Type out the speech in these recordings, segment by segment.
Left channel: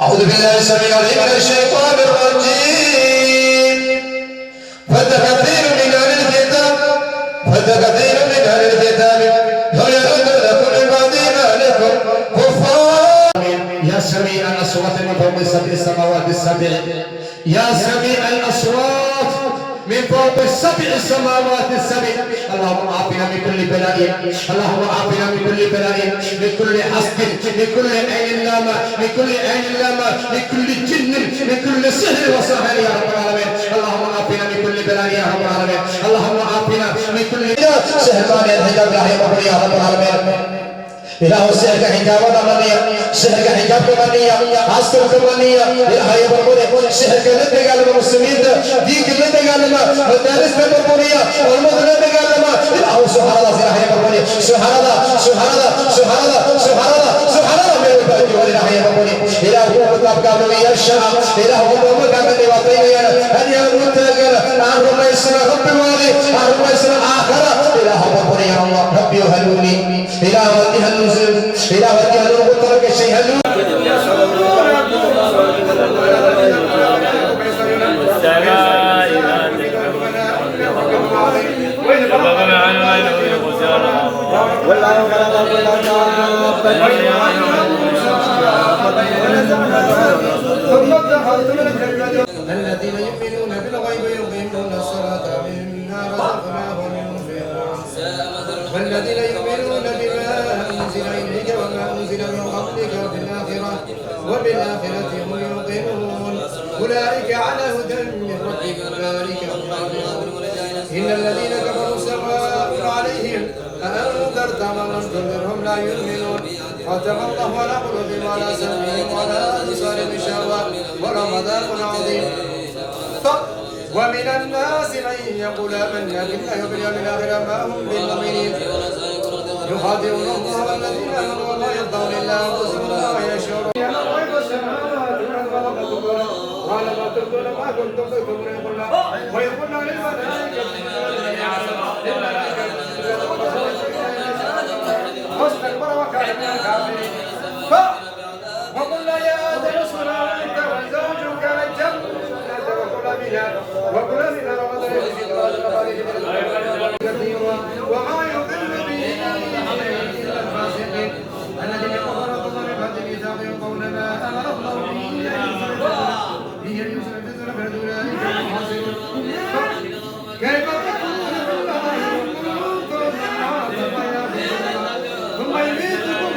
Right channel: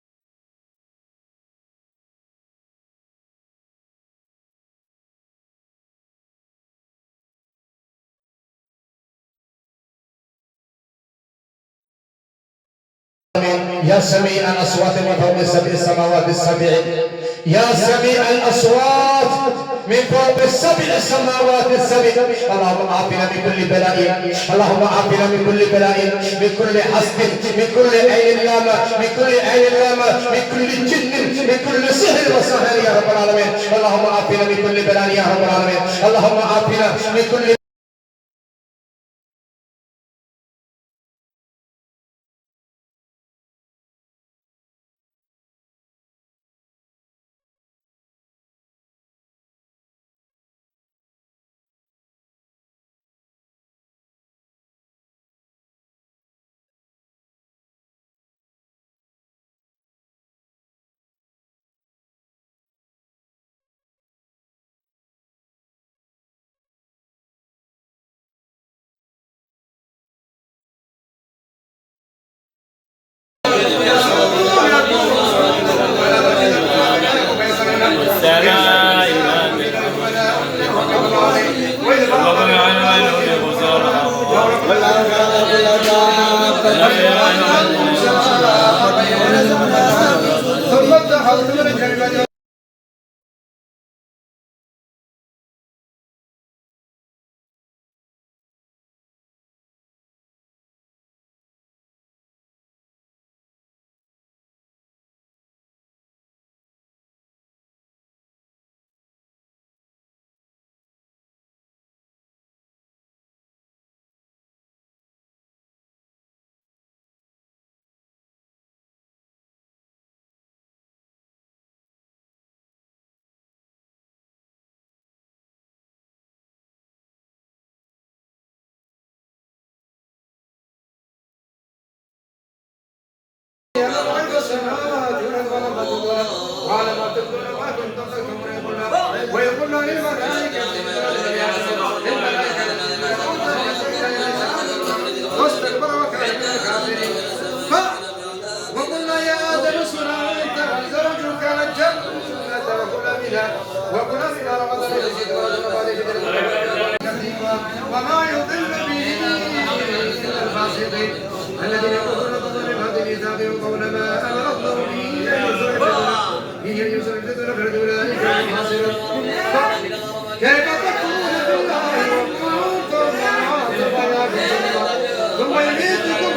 أعوذ بالله السميع العليم من الشيطان الرجيم ود كثير من أهل الكتاب لو يردونكم من بعد إيمانكم كفارا. يا سميع الأصوات من فوق السبع السماوات السبع، يا سميع الأصوات من فوق السبع السماوات السبع. اللهم عافنا من كل بلاء، اللهم عافنا من كل بلاء، من كل حسد، من كل عين لامة، من كل عين لامة، من كل جن، من كل سحر وسحر يا رب العالمين. اللهم عافنا من كل بلاء يا رب العالمين. اللهم عافنا من كل سحر مانع الحجاب يا رب العالمين. إله السحر كحجاب ضمنية، سحر كحجاب ضمنية، عصر ضمنية. إله يبرمونه سحر كله تقال المسلمين دي كله تقال ما مدارس برمونية والمدن تقال ما. إله سبحان الله إله يبرمونه سبحان الله سبحان الله سبحان الله سبحان الله سبحان الله من البلد وإله يبرمونه. إله هو مطاب كامل يرشام، إله هو مطاب كامل يوطين أن يموت عن رمى السنة رب الوالي عن رمى السنة آخرة. إله يبرمونه يا الله ربي وهلوني إله ودي هلوزم إله ودي هلو قطرك الشيء هلو الذين يؤمنون بالغيب يقيمون الصلاة مما رزقناهم ينفقون والذين يؤمنون بما أنزل إليك وما أنزل من قبلك وبالآخرة هم يوقنون أولئك على هدى من ربهم أولئك هم المفلحون. إن الذين كفروا سواء عليهم أأنذرتهم أم لم تنذرهم لا يؤمنون. ختم الله على قلوبهم وعلى سمعهم وعلى أبصارهم غشاوة ولهم عذاب عظيم. ومن الناس من يقول آمنا بالله وباليوم الآخر ما هم بمؤمنين يخادعون الله والذين آمنوا وما يخدعون إلا أنفسهم وما يشعرون. يعلم غيب السماوات والأرض قال ما تبدون ما كنتم تكتمون ويقولون للملائكة واستكبر وكان من الكافرين. وقلنا يا آدم اسكن أنت وزوجك الجنة وكلا منها رغدا يزيد وما يضل به الفاسقين الذين يقولون من بعد الميثاق يقولون ما امر الله به ان يوصل الفتنه بعد اولئك الخاسرون. كيف تكون الله وكنتم ثم يميتكم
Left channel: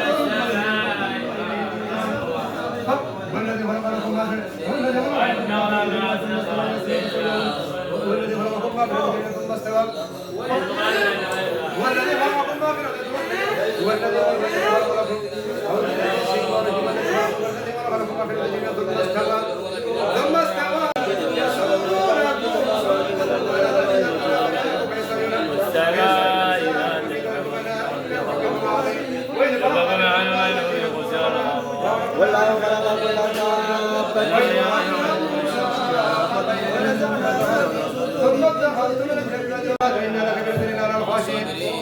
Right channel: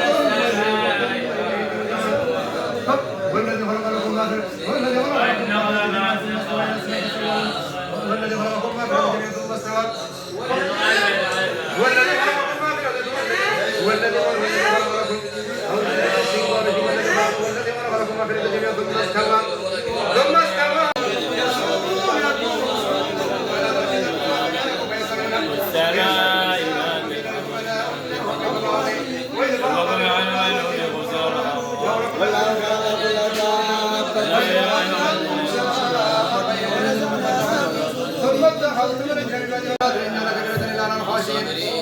والذي خلق لكم ما والذي خلق والذي خلقكم ما كان ثم استوى والذي خلقكم ما كان والذي خلقكم ما كان ثم استوى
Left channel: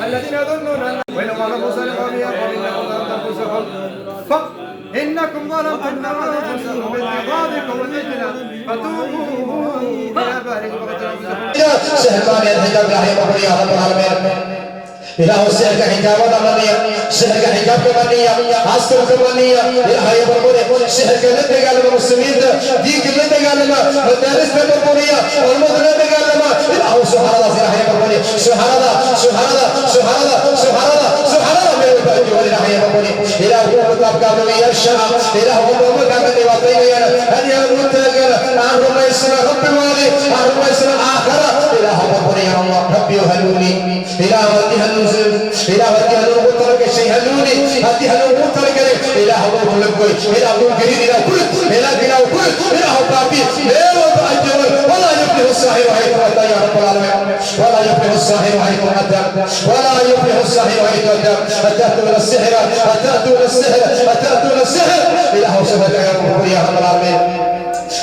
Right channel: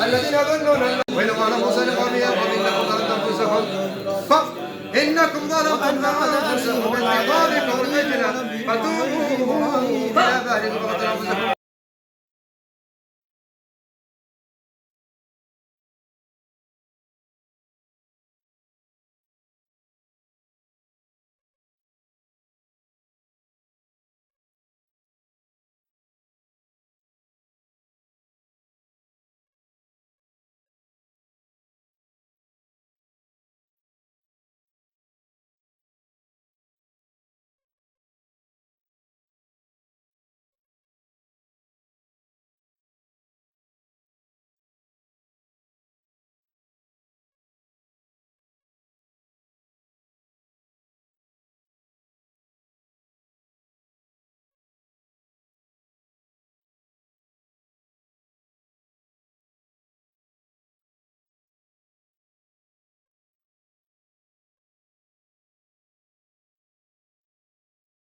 الذين يظنون وإذا قال موسى لقومه إنكم ظلمتم أنفسكم إنكم ظلمتم أنفسكم بالعذاب قريبنا فتوبوا إلى بارئكم سحر مانع الحجاب يا رب العالمين. إله السحر كحجاب ضمنية، سحر كحجاب ضمنية، عصر ضمنية. إله يبرمونه سحر كله تقال المسلمين دي كله تقال ما مدارس برمونية والمدن تقال ما. إله سبحان الله إله يبرمونه سبحان الله سبحان الله سبحان الله سبحان الله سبحان الله من البلد وإله يبرمونه. إله هو مطاب كامل يرشام، إله هو مطاب كامل يوطين أن يموت عن رمى السنة رب الوالي عن رمى السنة آخرة. إله يبرمونه يا الله ربي وهلوني إله ودي هلوزم إله ودي هلو قطرك الشيء هلوني هدي هلو قطرك إله هو ملقوي إله هو كريم إله كل إله إله كل إله بابي إله بأجر ولا يفلح الساحر حيث أتى يا رب العالمين. ولا يفلح الساحر حيث أتى ولا يفلح الساحر حيث أتى. أتأتون السحر أتأتون السحر أتأتون السحر. إله سبحانه يا رب العالمين.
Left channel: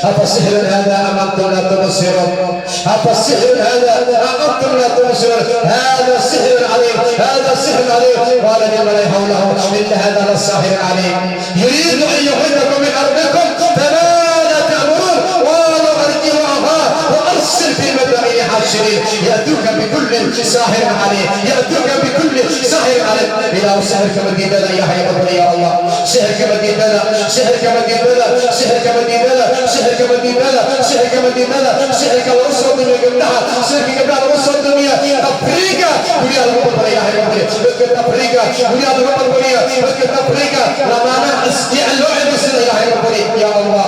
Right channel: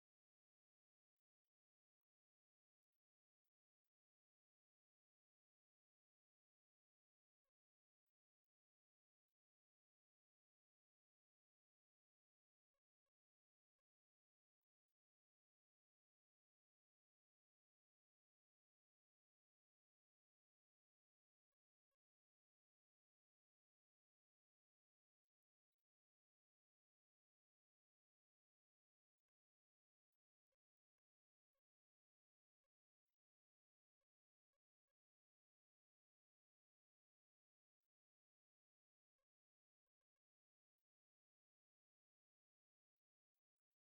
أفسحر هذا أم أنتم لا تبصرون؟ أفسحر هذا أم أنتم لا تبصرون؟ هذا سحر عليم، هذا سحر عليم. قال لمن حوله إن هذا للساحر عليم يريد أن يخرجكم من أرضكم فماذا تأمرون؟ قالوا أرجه أخاه وأرسل في المدائن حاشرين يأتوك بكل ساحر عليم، يأتوك بكل ساحر عليم. إلى سحر كمدين لنا يا حي ربنا يا الله، سحر كمدين لنا، سحر كمدين لنا، سحر كمدين لنا، سحر كمدين لنا، سحر كمدين لنا، سحر كوصل الدنيا قبلها، سحر قبلها وصل الدنيا أفريقيا ويا ربنا يا حي ربنا بك أفريقيا ويا ربنا بك أفريقيا لما أنا أسجع اللعب السنة يا حي ربنا يا الله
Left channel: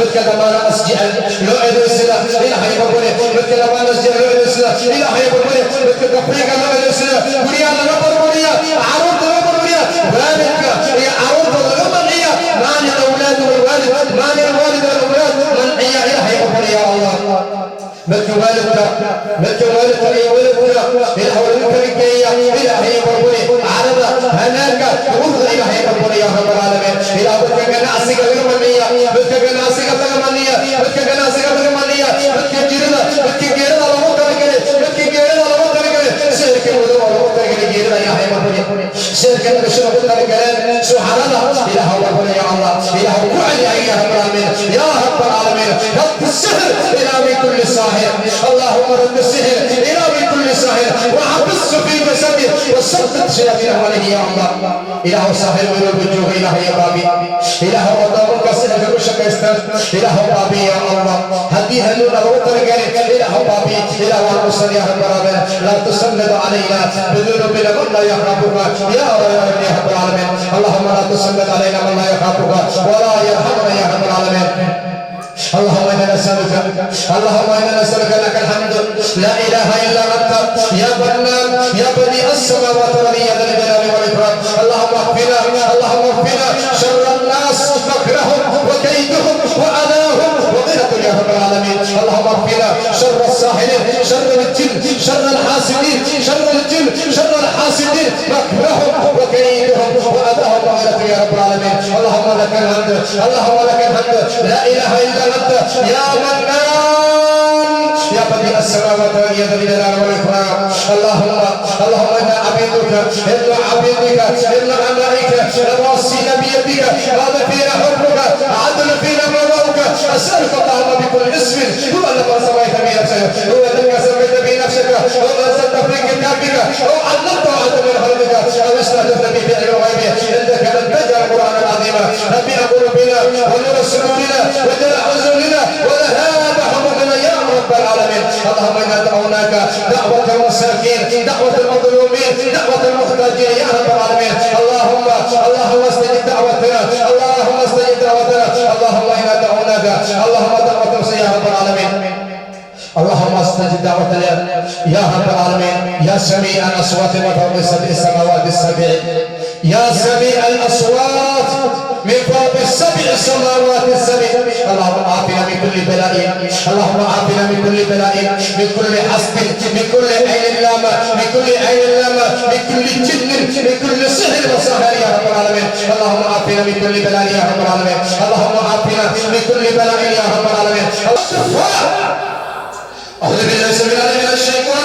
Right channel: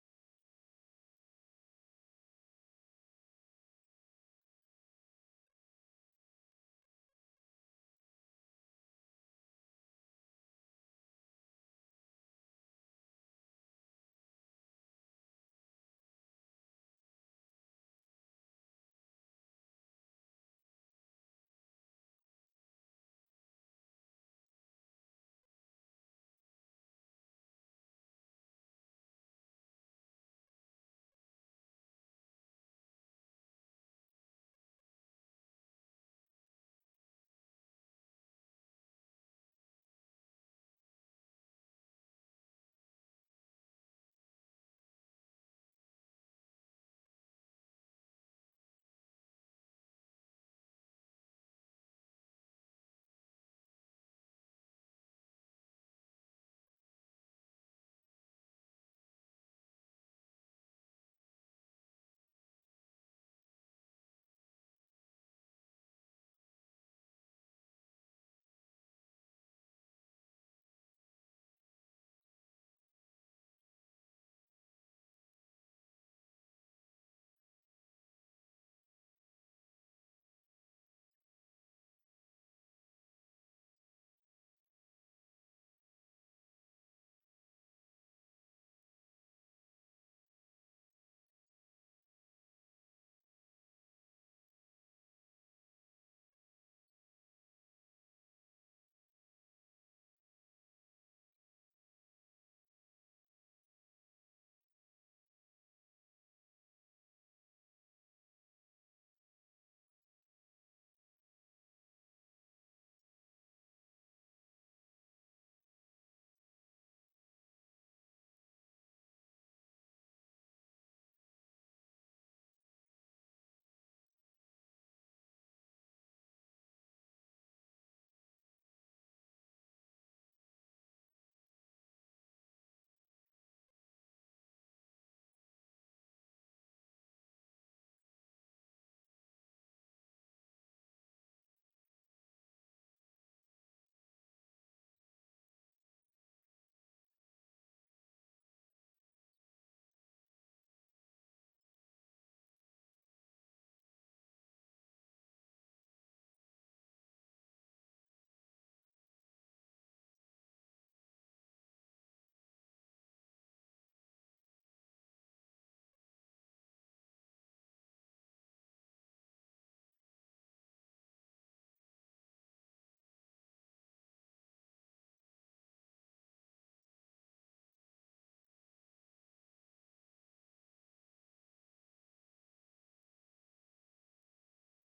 بك لما أنا أسجع اللعب السنة يا حي ربنا بك لما أنا أسجع اللعب السنة يا حي ربنا بك أفريقيا اللعب السنة ويا ربنا عروض ربنا ذلك يا عروض ربنا معنى الأولاد والوالد معنى الوالد والأولاد من يا حي ربنا يا الله بك والدك بك والدك يا ولدك إلى ولدك الكيا إلى حي ربنا عرض هناك وفد إلى حي ربنا يا رب العالمين إلى بك جناسك غيرمنية بك جناسك غيرمنية بك جناسك غيرمنية بك جيرنا بك جيرنا لو تركني بك جيرنا لو تركني سيرك ولو تركني جيرنا يا حي ربنا سيرك نشرب تركني سبحان الله إلى ربنا يا الله إلى وعلي يا رب العالمين يا رب العالمين رد السحر إلى من كل ساحر اللهم رد السحر إلى من كل ساحر وحبسه في جسده وسدد شياطين عليه يا الله إله ساحر من الوجوه إله يا بابي إله وضعك السحر كشك استر إله بابي يا الله هدي هلونا وترجع إله بابي إله ورسل يا رب العالمين لا تسلط علينا بذنوبنا من لا يخافك يا رب العالمين اللهم لا تسلط علينا من لا يخافك ولا يرحمنا يا رب العالمين اللهم إنا نسألك اللهم إنا نسألك لك الحمد لا إله إلا أنت يا منان يا بديع السماوات والأرض يا ذا الجلال والإكرام اللهم اغفنا شر الناس مكرهم وكيدهم وأذاهم وغيرة يا رب العالمين اللهم اغفنا شر الساحرين شر الجن شر الحاسدين شر الجن شر الحاسدين مكرهم وكيدهم وأذاهم وغيرة يا رب العالمين اللهم لك الحمد اللهم لك الحمد لا إله إلا أنت يا منان يا بديع السماوات والأرض يا ذا الجلال والإكرام اللهم إنا عبيدك إلا عبيدك إلا أمائك نواصينا بيدك هذا فينا حكمك عدل فينا مرضك أسألك اللهم بكل اسم هو الذي سميت به نفسك هو الذي سميت به نفسك هو أنزلت في كتابك أو علمته عز من خلقك أو استهدفت به في علم الغيب عندك أن تجعل القرآن العظيم ربي قلوبنا ونور صدورنا وجل حزننا وذهاب همومنا يا رب العالمين اللهم إنا دعوناك دعوة المساكين دعوة المظلومين دعوة المحتاجين يا رب العالمين اللهم استجب دعوتنا اللهم استجب دعوتنا اللهم إنا دعوناك اللهم دعوة يا رب العالمين اللهم استجب دعوتنا يا رب العالمين يا سميع الأصوات وفوق سبع السماوات السبع يا سميع الأصوات من فوق السبع السماوات السبع اللهم عافنا من كل بلاء اللهم عافنا من كل بلاء من كل حسد من كل عين لامة من كل عين لامة من كل جن من كل سحر وسحر يا رب العالمين اللهم عافنا من كل بلاء يا رب العالمين اللهم عافنا من كل بلاء يا رب العالمين أعوذ بالله من الشيطان